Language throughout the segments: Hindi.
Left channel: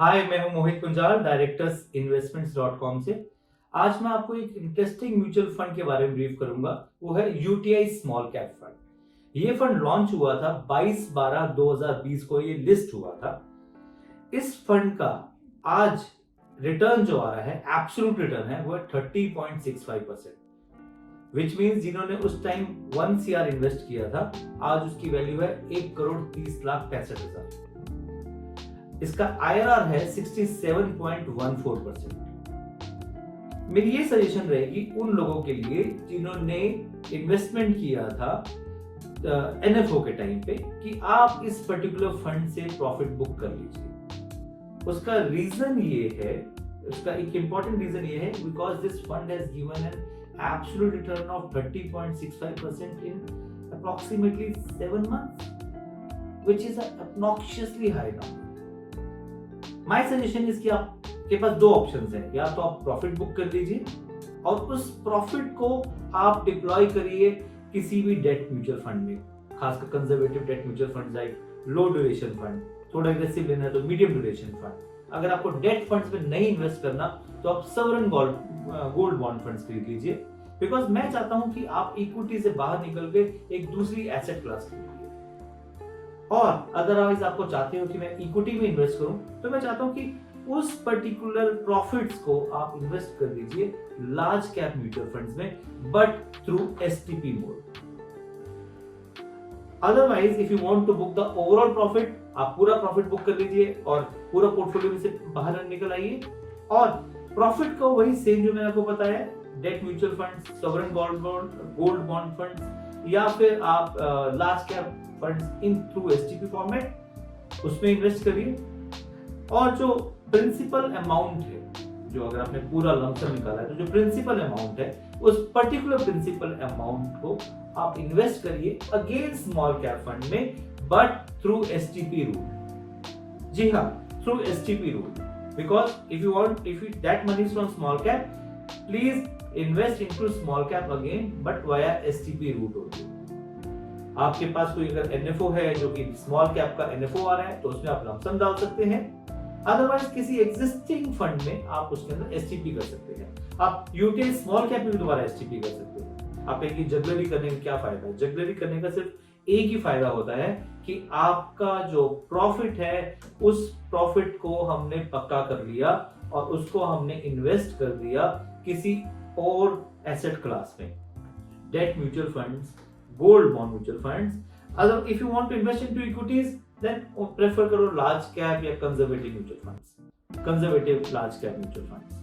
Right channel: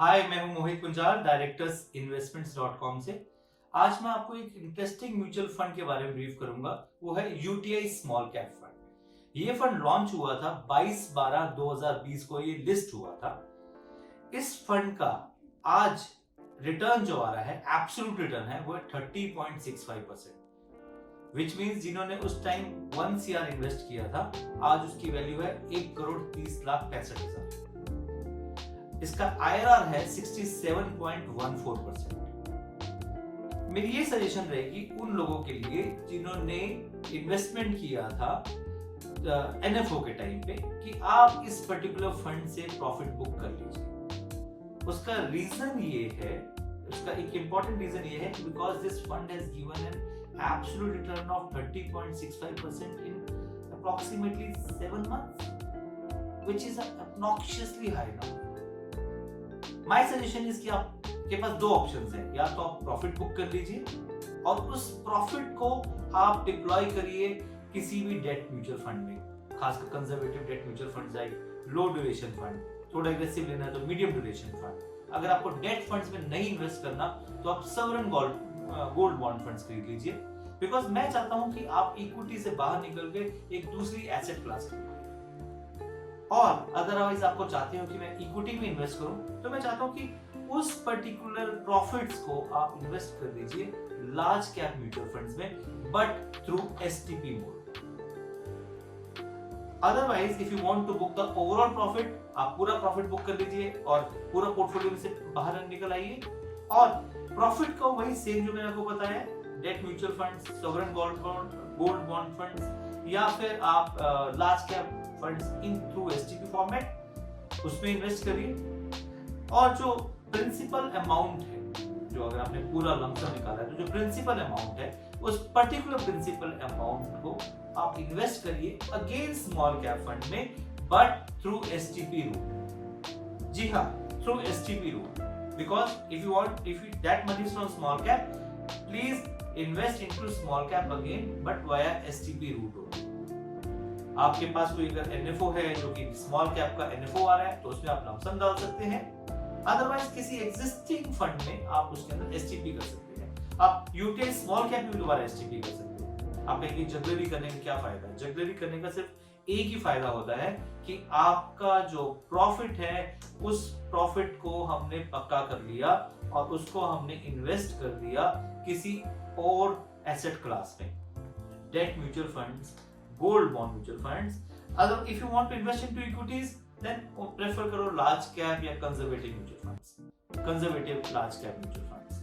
हाय, मैं हूं मोहित कुंजाल, डायरेक्टर्स इन्वेस्टमेंट्स.com से। आज मैं आपको एक इंटरेस्टिंग म्यूचुअल फंड के बारे में ब्रीफ करूंगा। वो है यूटीआई स्मॉल कैप फंड। ये फंड लॉन्च हुआ था 22/12/2020 को, ये लिस्ट हुआ था। इस फंड का आज रिटर्न जो आ रहा है, एब्सोल्यूट रिटर्न है, वो है 30.65%। विच मीन्स जिन्होंने उस टाइम 1 CR इन्वेस्ट किया था, आज उसकी वैल्यू है 1,30,65,000। इसका IRR है 67.14%। मेरी ये सजेशन रहेगी उन लोगों के लिए जिन्होंने इन्वेस्टमेंट किया था NFO के टाइम पे, कि आप इस पर्टिकुलर फंड से प्रॉफिट बुक कर लीजिए। उसका रीजन ये है, उसका एक इंपॉर्टेंट रीजन ये है, because this fund has given an absolute return of 30.65% in approximately 7 months, which is an obnoxiously high number. My suggestion इसकी आपके पास दो ऑप्शंस हैं। या तो आप प्रॉफिट बुक कर लीजिए और उस प्रॉफिट को आप डिप्लॉय करिए किसी भी डेट म्यूचुअल फंड में, खासकर conservative debt mutual fund like low duration fund, थोड़ा एग्रेसिव लेना है तो मीडियम ड्यूरेशन फंड। अगर आपको डेट फंड्स में नहीं इन्वेस्ट करना तो आप सॉवरेन गोल्ड बॉन्ड फंड्स खरीद लीजिए। बिकॉज मैं चाहता हूं कि आप इक्विटी से बाहर निकल के एक दूसरी एसेट क्लास खरीदिए। और अदरवाइज आपको चाहते हो कि मैं इक्विटी में इन्वेस्ट करूं, तो मैं चाहता हूं कि उस पर्टिकुलर प्रॉफिट्स को आप इन्वेस्ट कर दीजिए लार्ज कैप म्यूचुअल फंड्स में, but through STP mode. Otherwise if you want to book the overall profit, आप पूरा प्रॉफिट बुक कर लीजिए और पूरा पोर्टफोलियो से बाहर निकल आइए। और प्रॉफिट को वही सेम जो मैंने आपको बताया, date mutual funds, sovereign gold bond funds, या फिर आप large cap funds in through STP format, उसमें इन्वेस्ट करिए। और जो प्रिंसिपल अमाउंट है, जो अगर आपने पूरा लमसम निकाला है, तो जो प्रिंसिपल अमाउंट है, उस पर्टिकुलर प्रिंसिपल अमाउंट को आप इन्वेस्ट करिए अगेन स्मॉल कैप फंड में, बट थ्रू STP रूट। जी हाँ, through STP route. Because if you that money is from small cap, please invest into small cap again, but via STP route होगी। आपके पास कोई अगर NFO है जो कि स्मॉल कैप का NFO आ रहा है, तो उसमें आप लमसम डाल सकते हैं। अदरवाइज किसी एग्जिस्टिंग फंड में आप उसके अंदर STP कर सकते हैं। आप यूटीआई स्मॉल कैप में भी दोबारा STP कर सकते हैं। आप कहेंगे जगलरी करने का क्या फायदा है? जगलरी करने का सिर्फ एक ही फायदा होता है कि आपका जो प्रॉफिट है, उस प्रॉफिट को हमने पक्का कर लिया और उसको हमने इन्वेस्ट कर दिया किसी और एसेट क्लास में, debt mutual funds, gold bond mutual funds. अगर if you want to invest into equities, then prefer करो लार्ज कैप या conservative mutual funds, conservative large cap mutual funds.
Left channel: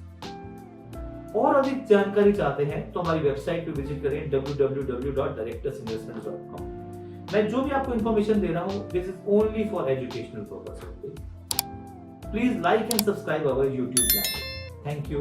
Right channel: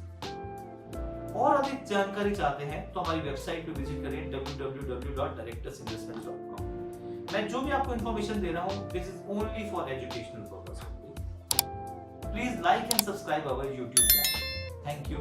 और अधिक जानकारी चाहते हैं तो हमारी वेबसाइट पे विजिट करें www.directorsinvestments.com। मैं जो भी आपको इंफॉर्मेशन दे रहा हूं, this is only for educational purpose. Please like and subscribe our YouTube channel. Thank you.